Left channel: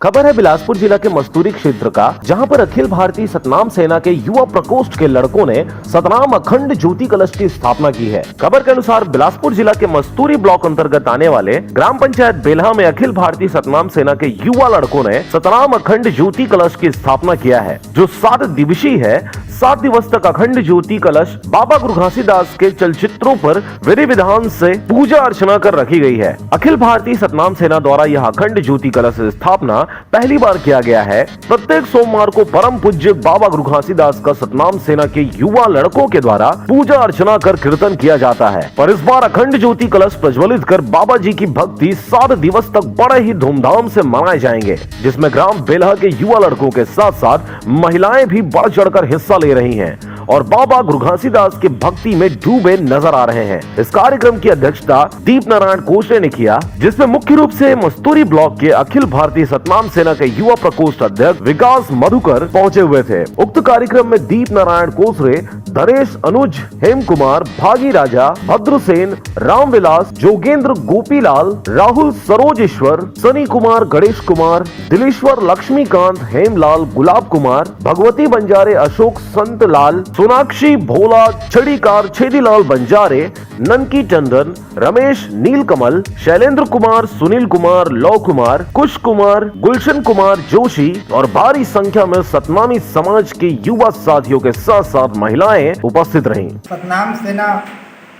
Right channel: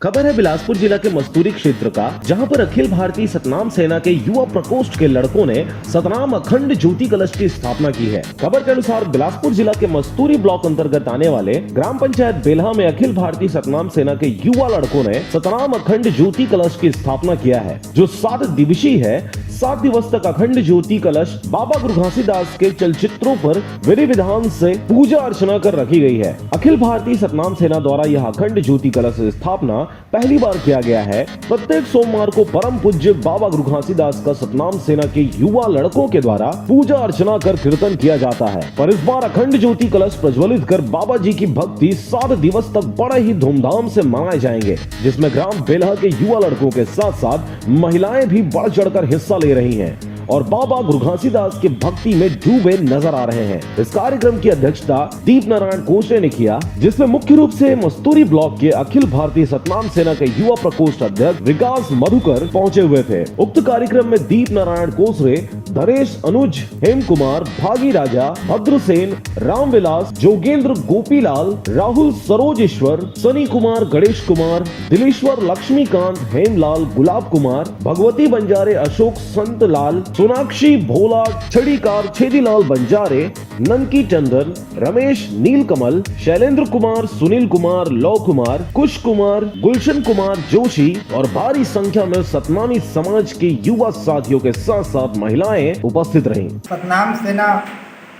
खबर है बिलासपुर जिला के मस्तूरी क्षेत्र का, जहां पर अखिल भारतीय सतनाम सेना के युवा प्रकोष्ठ के लड़कों ने सतनाम अखंड ज्योति कलश की स्थापना की है। खबर के अनुसार बिलासपुर जिला के मस्तूरी ब्लॉक अंतर्गत आने वाले ग्राम पंचायत बेल्हा में अखिल भारतीय सतनाम सेना के युवा लड़कों ने सतनाम अखंड ज्योति कलश की स्थापना किया है, जो 7 दिवसीय है। 7 दिवस तक अखंड ज्योति कलश बाबा गुरु घासीदास के चलचित्रों पर विधि विधान से पूजा अर्चना कर रखी गई है। अखिल भारतीय सतनाम सेना द्वारा यह अखंड ज्योति कलश स्थापना पहली बार किया गया है। प्रत्येक सोमवार को परम पूज्य बाबा गुरु घासीदास का सतनाम सेना के युवा लड़कों के द्वारा पूजा अर्चना कर कीर्तन किया जाता है। पर इस बार अखंड ज्योति कलश प्रज्वलित कर बाबा जी की भक्ति 7 दिवस तक बड़े ही धूमधाम से मनाए जाएंगे, जिसमें ग्राम बेल्हा के युवा लड़कों के साथ साथ महिलाएं भी बढ़ चढ़कर हिस्सा ले रही हैं और बाबा गुरु घासीदास की भक्ति में डूबे नजर आ रहे हैं। इस कार्यक्रम की अध्यक्षता दीप नारायण कोसरे ने किया, जिसमें मुख्य रूप से मस्तूरी ब्लॉक के अखिल भारतीय सतनाम सेना के युवा प्रकोष्ठ अध्यक्ष विकास मधुकर पहुंचे हुए थे। उक्त कार्यक्रम में दीप नारायण कोसरे, धरेश अनुज, हेम कुमार, भागी राजा, भद्रसेन, रामविलास, जोगेंद्र, गोपीलाल, राहुल, सरोजेश्वर, सनी कुमार, गणेश कुमार, दिलेश्वर, लक्ष्मीकांत, हेमलाल, गुलाब कुमार, भगवती बंजारे, अशोक, संत लाल, सोनाक्षी, भोला, छड़ीकार, छेदीलाल बंजारे, ननकी टंडन, रमेश, नीलकमल, शैलेंद्र कुमार, सुनील कुमार, लौ कुमार, कुश कुमार, गुलशन कुमार जोशी और भारी संख्या में सतनामी समाज के युवा साथियों के साथ साथ महिलाएं उपस्थित रहीं। सतनाम सेना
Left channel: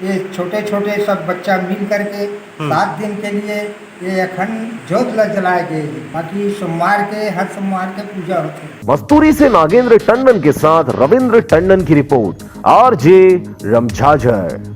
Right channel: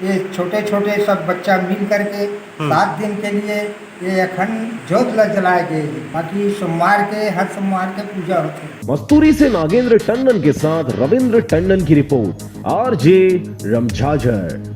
ये छोटे छोटे सब बच्चा मिल करके 7 दिन के लिए ये अखंड ज्योत जलाए गए। बाकी हर सोमवार के पूजा होती है। मस्तूरी से नागेंद्र टंडन के साथ रविंद्र टंडन की रिपोर्ट, RJ रमझाझर।